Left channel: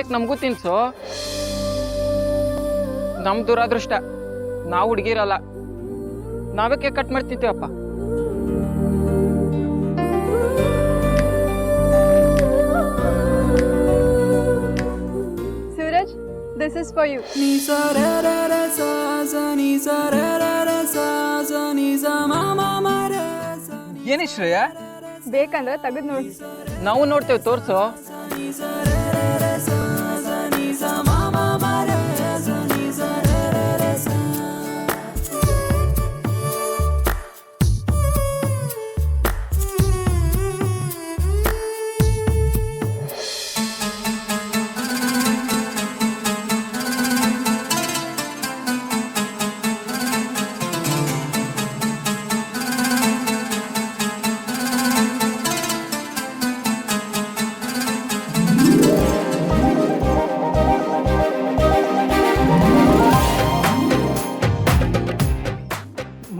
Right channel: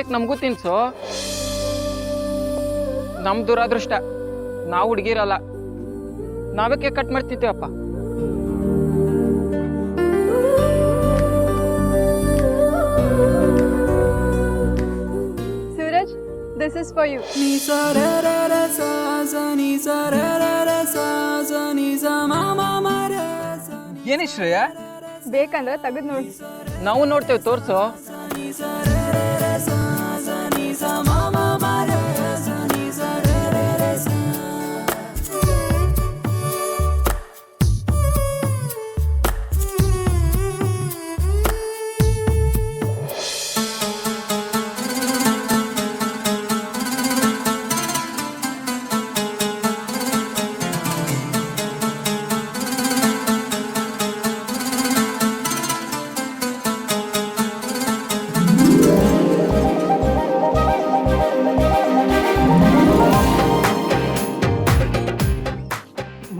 Cake ನಮಗೂ ತಿನ್ಸು. ನಮ್ ದುರಾದೃಷ್ಟ, ನಾವು ಹುಡುಗಿರಲ್ಲ, ನಾವೇ ಕೇಕ್ ಕಟ್ ಮಾಡ್ತಿದ್ದೇವಪ್ಪ. Suraj, this is for you. ಏನಿ ಶ್ರೇಯ? ಬೇಕಂದ್ರೆ ತೆಗೆದು ನೋಡಿ. ನಾವು ನೋಡ್ತೇವೆ, ತೋರ್ಸು.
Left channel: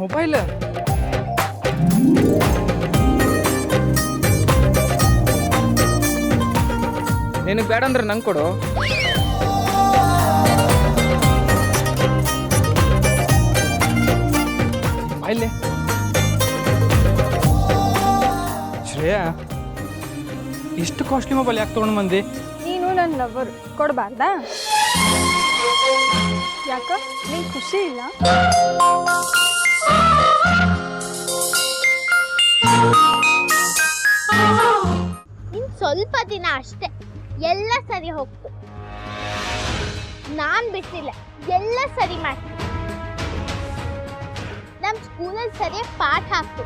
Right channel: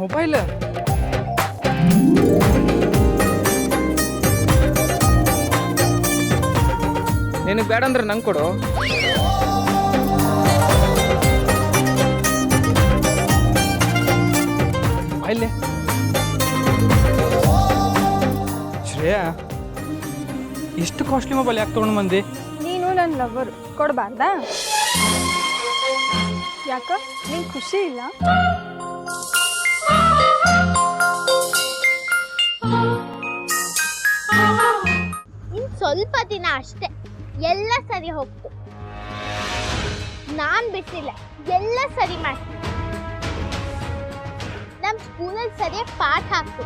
ಮೊಬೈಲ್ ನಿನಗೆ ಬೇಡ ಅಂದ್ರೆ ನಂಗೆ ಕೊಡು. ಮೊಬೈಲ್ ಶ್ರೇಯಾ, ಇಷ್ಟು ಕಾಸ್ಟ್ಲಿ ಮೊಬೈಲ್ ಯಾಕೆ ತೊಗೊಂಡು ಬಂದಿ? ನೀನು ನನ್ನ ಲವರ್, ಕೊಡಬಾರ್ದಾ? ಯಾಕ ನಿಂಗೆ ಖುಷಿ ಇಲ್ಲ? ಇನ್ ಸ್ವಲ್ಪ ದಿನ ಅಷ್ಟೇ, ಎಲ್ಲ ಸರಿ ಹೋಗ್ತು. ನಾನ್ ಬಿಟ್ಟಿಲ್ಲ, ಎಲ್ಲ ಸರಿ ಮಾಡ್ತೀನಿ. ನಮ್ ಸ್ಕೂಲಲ್ಲಿ ಸರಿಯಾಗಿ ಪಾಠ ಆಗ್ತು,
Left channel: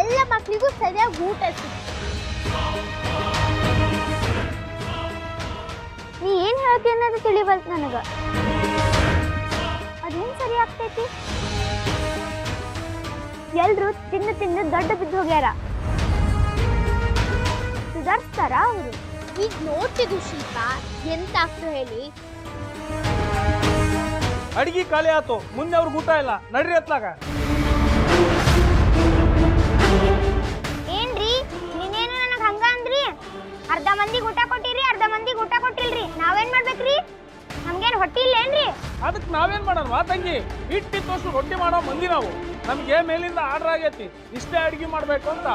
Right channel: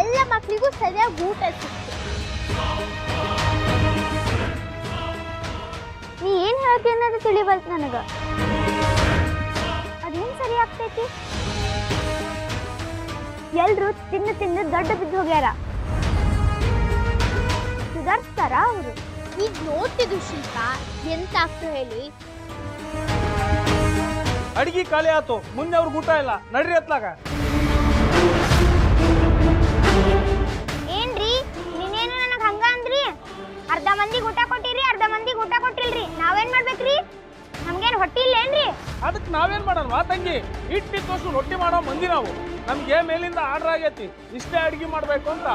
ಎಲ್ಲ ಮಕ್ಳಿಗೂ ಸರಿಯಾಗಿ ಊಟ ಸಿಕ್ತು. ನೀ ಏನ್ ಹೇಳ್ತಿ ಅನ್ನೋದು ತಿಳಿಬಲ್ತು ನನಗ. ಅದೇನ್ ಸರಿ ಆಗ್ತೈತಿ? ಎಲ್ರು ತಿಂದು ತಿಂದು ದೊಡ್ಡ ಬಿದ್ದು ಹೋಗ್ಯಾರ. ಸುಧಾರಿಸ್ತಾರ ಅವರು? ಈಗ ನೋಡ್ತಿದ್ದು ಶಿಲ್ಪ, ಎಂತ ಆಗ್ತು ಹೇಳಿ? ಅಡಿಗೆ ಖಾಲಿ ಆತು, ಮುಂದೆ ಅವ್ರಿಗೆ ಊಟ ಇಲ್ಲ, ನಡ್ರಿ ಅತ್ಲಾಗ. ಏನ್ರಿ ನೀನೇನು ನನಗೆ ಹಂಗ ಅಂದ್ರಿ? ಅರ್ಧ ಮಂದಿಗೆ ಊಟ ಕೊಟ್ಟಿರಿ, ಅರ್ಧ ಮಂದಿಗೆ ಊಟ ಕೊಟ್ಟಿಲ್ರಿ. ನಾವೇನ್ ಮಾಡ್ಬೇಕ್ರಿ? ನಮ್ಗೇನು ಹೊಟ್ಟಿ ಇಲ್ಲೇನ್ರಿ? ಅದಕ್ಕೆ ನಾವೇನ್ ಮಾಡೋಣ ತಂಗಿ? ಇಟ್ಟಿದ್ದಷ್ಟು ರೊಟ್ಟಿ ಮಾಡೋ ಮಂದಿ ನಾವು. ನಮ್ಗೆ ಮೇಲಿಂದ ಆರ್ಡರ್ ಆಗೈತಿ, ಇಷ್ಟೇ ಅಡಿಗೆ ಮಾಡ್ಬೇಕು ಅಂತ.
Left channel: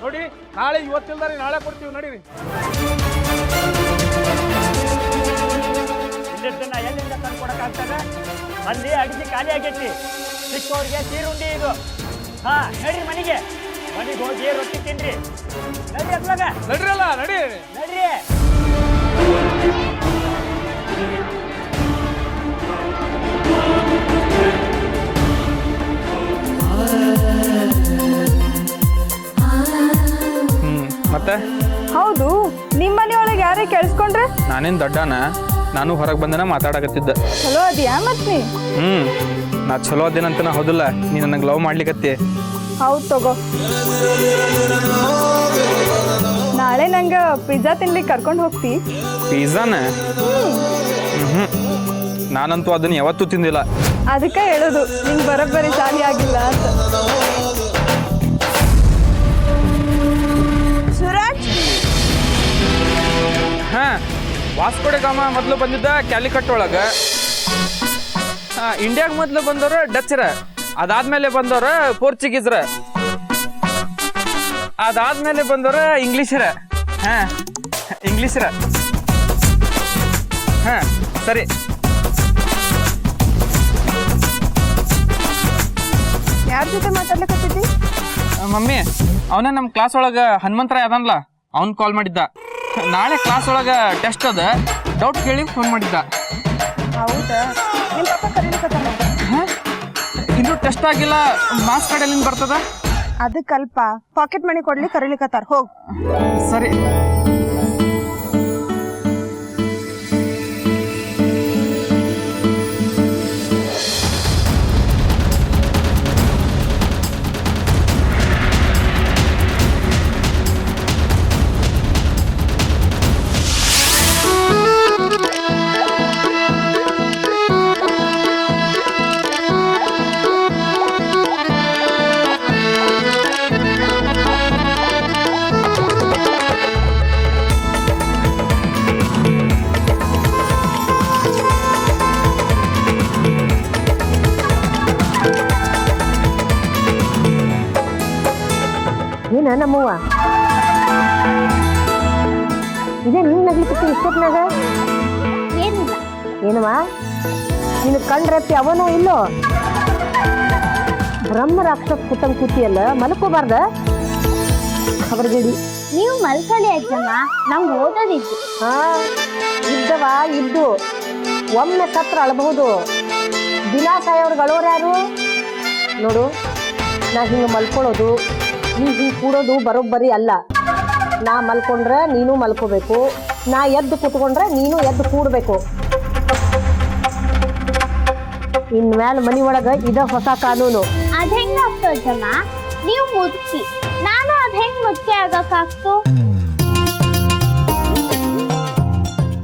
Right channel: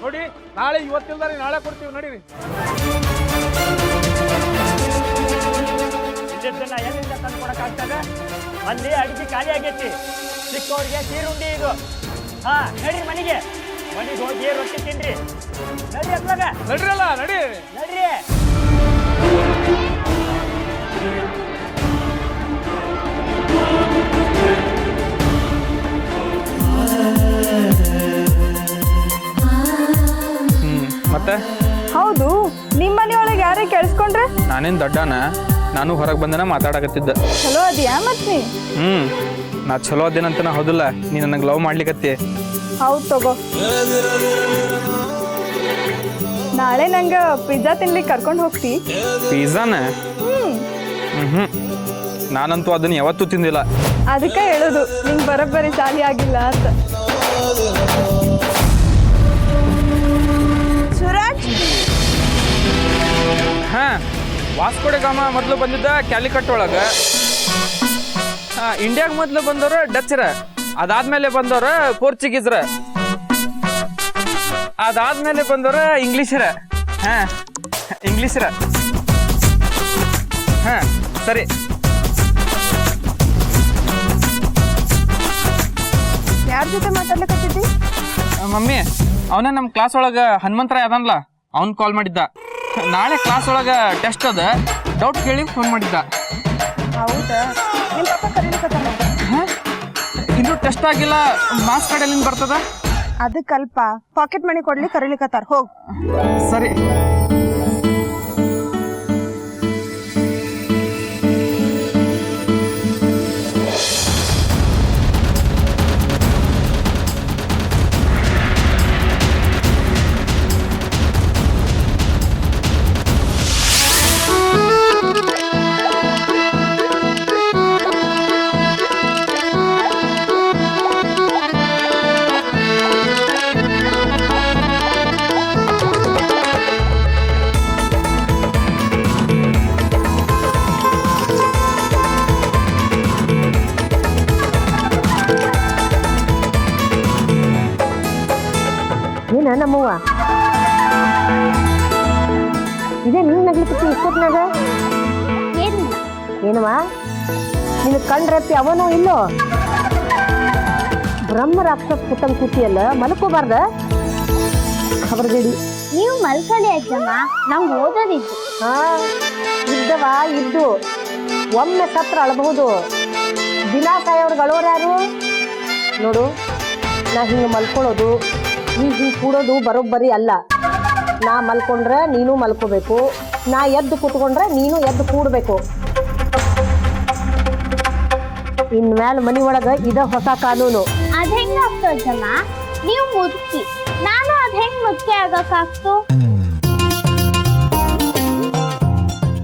ನೋಡಿ, ನಾಳೆ ಇವತ್ತಿಲ್ದಾರಿ ನಾಳೆ ಕೊಡ್ತೀವಿ, ನಡೀರಿ. ಇಲ್ಲಿದ್ದನ್ನ ಎಲ್ಲಿಂದ ತಂದು ಕೊಡಕ್ಕಾಗ್ತದೆ? ಅಲ್ಲಿ ಅಡಿಗೆ ಖಾಲಿ ಆಗೈತಿ. ಸಿಕ್ಕವ್ರಿಗೆ ಸೀರುಂಡಿ ಇದು. ಹಾ, ನಡ್ರಿ ಮನೆಗೆ ಹೋಗಿ ರೊಟ್ಟಿ ತಿನ್ರಿ. ನಡ್ರಿ ಅದ್ಲಾಗ, ನಡ್ರಲ್ಲ, ನಡಿ ನಡ್ರಿ. ಮತ್ತೆ ಹೌದು, ನಿಮ್ಮ ಮನೆಯೊಳಗೆ ಯಾರೇ ಕೇಳಿಸ್ಕೊಂಡ್ರೆ? ನಾನೇನು ದೊಡ್ಡನ? ನಾನು ಹೊರಗೆ ಬಂದನ ಮಾತಾಡಕತ್ತಿದ್ದ. ಚಲೋ ಅದಿಯಾ ಮತ್ ನೀ? ನಾ ಚಲೋ ಅದೇನಂತ ಹೌದಿಲ್ಲ, ನೀ ನನಗೆ ಲವ್ ಮಾಡ್ಲಿಕತ್ತಿ. ಹೌದು ತಗೋ. ನಾಳೆ ನಂಗೆ ಪಿಜ್ಜಾ ತಿನ್ಲಿಕ್ಕೆ ಕರ್ಕೊಂಡು ಹೋಗ್ತಿ? ಪಿಜ್ಜಾನ? ನಾನಂತೂ ಅದನ್ನ ಯಾವತ್ತೂ ತಿಂದಿಲ್ಲ. ಅದಕ್ಕೆ ಹೇಳೋದು ನಿಂಗೆ ಬರೋಬ್ಬರಿ ಚಾಲಿ ಆಗಿಲ್ಲ ಅಂತ. ಸುರಾಜ್, ಹಾ, ವಾಸ್ಕೋಡೆ ಗಾಮ ಮೊದಲು ಬಂದಿದ್ದ ಕ್ಯಾಲಿಕಟ್ ಒಳಗೆ. ಇಂಡಿಯಾಗ ಮೊದಲು ಬಂದವ್ರು ಡಚ್ರ, ಅದಾದ್ಮೇಲೆ ಬಂದವ್ರ ಪೋರ್ಚುಗೀಸ್ರ, ಅದಾದ್ಮೇಲೆ ಬಂದವ್ರ ಇಂಗ್ಲೀಷರ. ಹಾ, ಇಂಗ್ಲೀಷರ. ಹಾ, ಸರಿ. ಯಾರ ಜೊತೆ ಮಾತಾಡ್ಲಿಕ್ಕತ್ತಿದ್ದಿ? ಮಮ್ಮಿ, ಅವನ ನಮ್ಮ ಕ್ಲಾಸ್ ಒಳಗೆ ಹನುಮಂತರಾಯ್ ಅದನ್ಲ, ಅವ್ನು ಕಾಲ್ ಮಾಡಿದ್ದ. ನಾಳೆ ಕ್ಲಾಸ್ ಒಳಗೆ ಟೆಸ್ಟ್ ಅದ, ಡೌಟ್ ಕೇಳಿ ಫೋನ್ ಮಾಡಿದ್ದ. ಹೌದಾ? ನಿಮ್ಮ ಪಪ್ಪ ಕರೀಲಿಕ್ಕತ್ತಾನ? ಹಾಂ, ಇನ್ನೂ ಟೆಸ್ಟ್ ಆಗಿಲ್ಲ, ಮಾರ್ಕ್ಸ್ ಕಾರ್ಡ್ ಎಲ್ಲಿಂದ ಬರ್ತದ? ಅದಕ್ಕಲ್ಪ ಪಾಕೆಟ್ ಮನಿ ಕೊಡ್ಲಿ ಕರೀಲಿಕ್ಕತ್ತಾರ, ಹೋಗ್. ಸರಿ. ಏನ ನಮ್ಮವ್ವ ಇದೇ ನಿನ್ ನಗ್ಲಿಕ್ಕೆ ಇಷ್ಟೊತ್ನಾಗ ಏನಿಲ್ಲ. ಏನವ ನಿನ್ ಕಂಡ್ರಪ್ಪಿ ಅವನೋ ಇಲ್ಲೋ ಬ್ರಹ್ಮ ರಾಕ್ಷಸ ಕೂತಂಗ್ ಕೂತಿಯಲ್ಲ ಮಲ್ಕೋಬಾರ್ದ ಖಬರ್ಗೇಡಿ ನೀವು ಮಲ್ಕೊಳ್ಳಿ ಅಜ್ಜಮ್ಮ, ನಮ್ಗೆ ಓದೋದಿತ್ತು. ಹಾ ಇದ್ದವ ಇದ್ದು ಒಮ್ಮೆ ಸತ್ರ ಅಳಬಹುದು, ದಿನ ಸಾಯೋರ್ಗೆ ಅಳೋರು ಯಾರು ನೋಡು. ನಾ ಹಿಂಗೆ ಮಲ್ಕೊಳ್ಳೋದು ನೀ ಹಿಂಗೆ ಕೂಡೋದು ಬರೋಬ್ಬರಿ ಅಲ್ಲ. ನಾ ಮಲ್ಕೊಂಡ್ರೆ ನೀನು ಮಲ್ಕೋಬೇಕು, ನಾ ಎದ್ದು ಕೂತ್ಕೊಂಡ್ರೆ ನೀನು ಎದ್ದು ಕೂಡಬೇಕು. ಇನ್ಮೇಲೆ ಮನೆ ಒಳಗೆ ಇದ ಹೊಸ ಕಾನೂನು. ಅದ್ ಹೆಂಗಾಗ್ತು ಅಜ್ಜಮ್ಮ? ನೀವು ಮುದುಕಿ, ನಾನು ಅದ್ ಹೆಂಗ್ ಮುದುಕಿ ಆಗಕ್ಕಾಗ್ತು?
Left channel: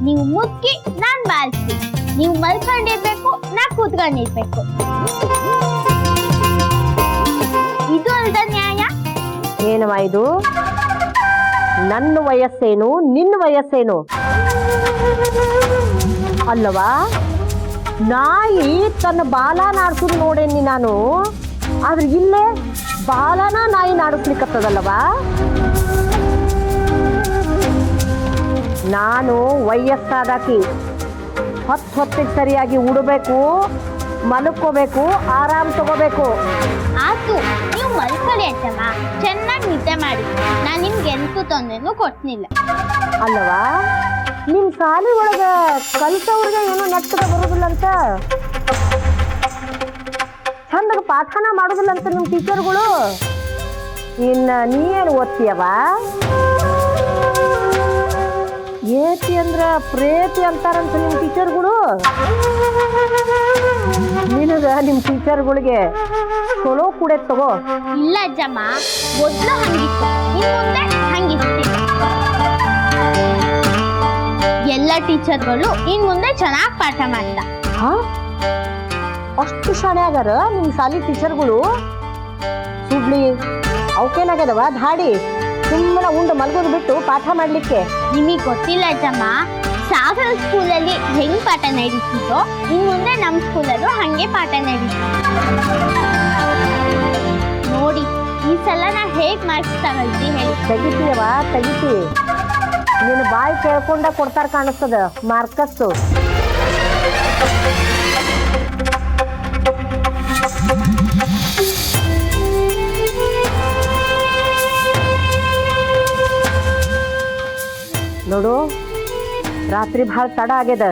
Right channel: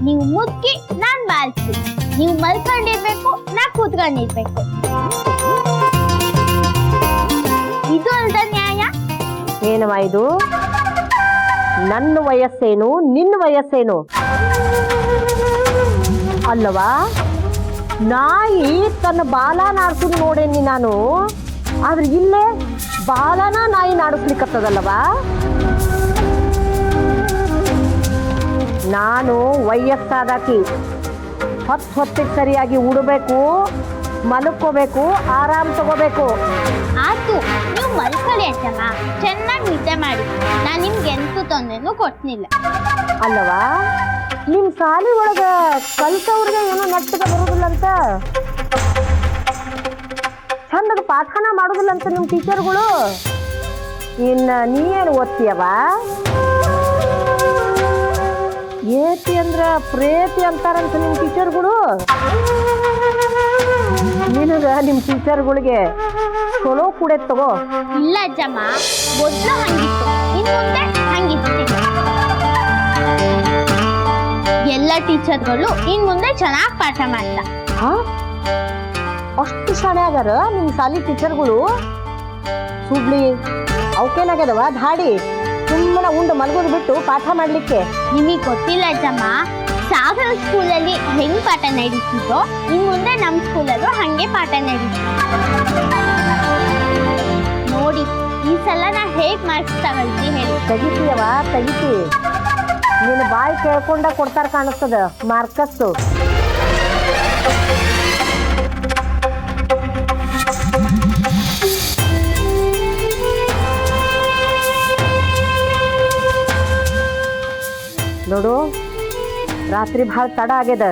ನೀವು ಮುದುಕಿ, ನಾನ್ ಬಾಲ್ಸಿ. ನೀವು ಮಲ್ಕೊಂಡಿರ್ಬೇಕು, ನಾ ಕೂತ್ಕೊಂಡಿರ್ಬೇಕು. ಇದು ಅಲ್ದ ನ್ಯಾಯ? ಏನವ ಇದು? ನನ್ನ ವಯಸ್ಸೇನು ನಿನ್ನ ವಯಸ್ಸೇನು ಅಲ್ಲವಾ? ನಾಯಿ ತನ್ನ ಬಾಲ ನಾಡ್ಸುದು ನೋಡೇನಿ ನಾನು, ಆದ್ರೆ ಇಲ್ಲೇ ಬಾಲನ ನಾಯಿ ನಾಡಿಸ್ಲಿಕ್ಕತ್ತದಲ್ಲವಾ? ನಾನು ವಯಸ್ಸಾದಾಕಿ, ಹೊತ್ತಿಗೆ ಸರಿಯಾಗಿ ಉಡಬೇಕು, ಮಲ್ಕೋಬೇಕು, ಆರಾಮ್ ತಗೋಬೇಕು. ಆತು, ನೀವು ಮಲ್ಕೊಳ್ಳಿ ಅಜ್ಜಮ್ಮ, ಚೆನ್ನಾಗಿ ನಿದ್ದೆ ಮಾಡಿ. ನಾನ್ ನಿಮ್ಗೆ ಎಂತೂ ತೊಂದ್ರೆನೂ ಕೊಡ್ತಿಲ್ಲ. ಅಲ್ಲವಾ? ನಿಮ್ಮ ಶಾಲೆ ಒಳಗ ಕಲ್ತವ್ರಿಗೆ ಏನೋ ನೆಟ್ಟಗೆ ಬರೋದಿಲ್ಲ ಅಂತ, ಚಂದಾಗ ಪಾಠನ ಮಾಡೋದಿಲ್ಲ ಅಂತ ನಿಮ್ಮ ಟೀಚರ್ಗಳು. ಇನ್ನು ನೀ ಏನು ಓದ್ತೀಯವ? ಏತಿ ಅಂದ್ರ ಪ್ರೇತಿ ಅಂತಾರಂತ ನಿಮ್ಮ ಟೀಚರ್ಗಳು. ನಿನಗ ನಿಮ್ಮ ಟೀಚರ್ಗಳಿಗೆ ಚಲೋ ಕೂಡ ತಗೋ. ಇಲ್ಲ ಅಜ್ಜಮ್ಮ, ಮೊದ್ಲು ಹಂಗಿತ್ತು, ಇನ್ ಮುಂದೆ ಹಂಗಿರ್ತಿಲ್ಲ. ಎಲ್ಲ ಟೀಚರ್ಗಳು ಇನ್ ಮುಂದೆ ಚೆನ್ನಾಗಿ ಪಾಠ ಮಾಡ್ತಾ. ಹಾ, ಅಷ್ಟು ಶಾಣೆ ಆಗ್ಯಾರ ನಿಮ್ಮ ಶಾಲಿ ಟೀಚರ್ಗಳು. ಸುಡ್ಲಿ ಅವಕ್ಕೇನಾಗ್ಯದವ ಧಾಡಿ ಸುಮ್ಮನೆ ಉಂಡು ಮಲ್ಗೋದು ಬಿಟ್ಟು ಪಾಠ ಮಾಡ್ಲಿಕ್ಕೆ. ನಿಮಗೆ ಗೊತ್ತಿಲ್ಲ ಅಜ್ಜಮ್ಮ, ಸಾಗರ ಸ್ಕೂಲಲ್ಲಿ ಹೆಂಗ್ ಪಾಠ ನಡೀತಿದ್ದೋ ಇನ್ ಮುಂದೆ ನಮ್ಮ ಸ್ಕೂಲಲ್ಲೂ ಹಂಗೆ ಪಾಠ ನಡೀತಿತ್ತು. ನೋಡಿ ಈ ಸಲ ನಾ ಹೇಗ್ ಮಾರ್ಕ್ಸ್ ತಗೊಳ್ತಿ ಹೇಳಿ. ತೆಗಿತೀಯವ ತೆಗಿತಿ, ನಿನ್ನ ಬಾಯಿ ಕೇಳ್ಕೊಂಡ ಕೊಡ್ತಾರ ಕಾಣಿಸ್ತದ ಮಾರ್ಕಸ್ಸು. ನೋಡು, ರಾತ್ರಿ ಭಾಳ ತಡ ಆಗ್ಯದ,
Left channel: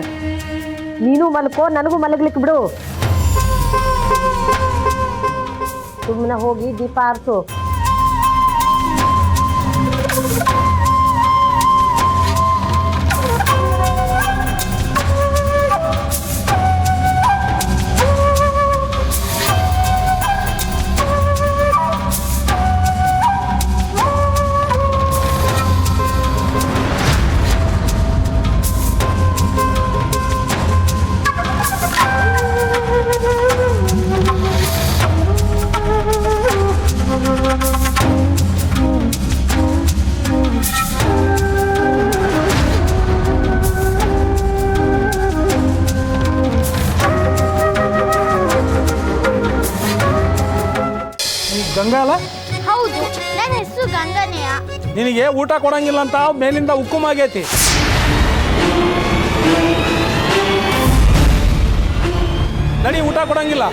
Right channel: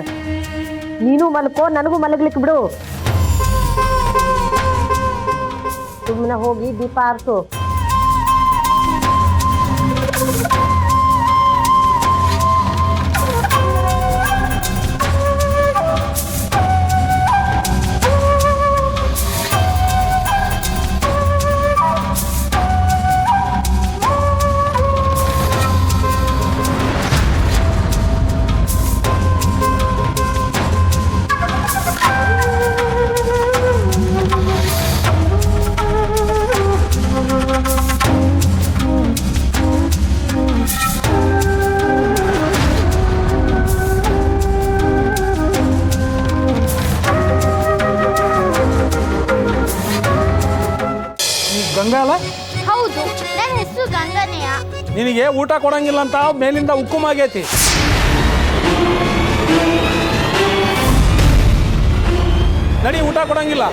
ನೀನು ಮಲ್ಕೋ, ನನಗೂ ಮಲಗ್ಲಿಕ್ಕೆ ಬಿಡು. ಸುಮ್ಮನೆ ಹೋಗಿ ದೀಪ ಆರಿಸು. ಗಂಗಾ ಅಲ್ಲ? ಹೌದು, ನನ್ನ ಹೆಸರು ಗಂಗನೆಯ. ನಿನಗೆ ಊಟ ಕೊಡಂಗಿಲ್ಲ ಅಂತ ಮೇಲಿಂದ ಹುಕ್ಕುಮ್ ಆಗೈತಿ. ನಡಿ, ಊಟ ಕೊಡಂಗಿಲ್ಲ.